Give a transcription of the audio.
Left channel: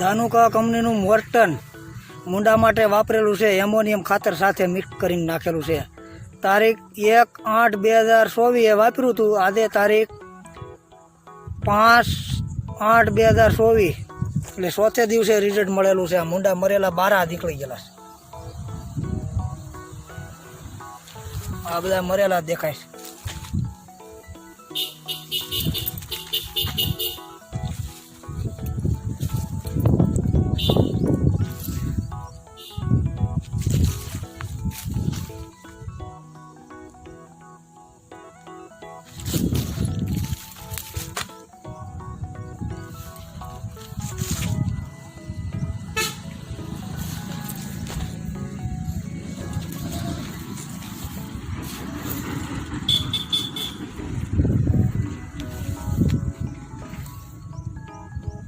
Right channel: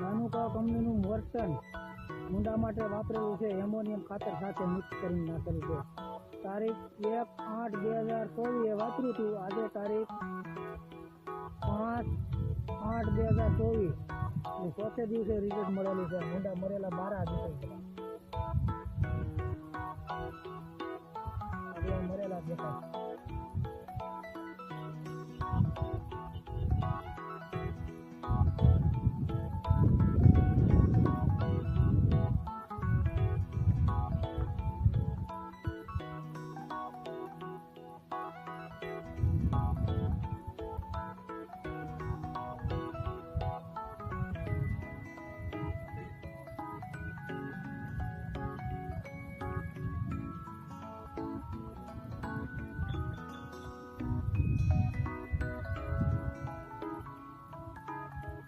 ધાનુકા કંપનીનું મોર્ટન મૂંડા માટે વાપરેલું છે, એમોનિયમ ખાતર સાથે મિક્સ કરીને નાખેલું છે. તારીખ 1/8/2024 વાપર્યું હતું. આજે તારીખ 5/8/2024 એટલે 4થે દિવસે રિઝલ્ટ મળેલું છે. આ મૂંડા મરેલા બારા નીકળી ગયેલા છે. આ બધા મરેલા દેખાય છે.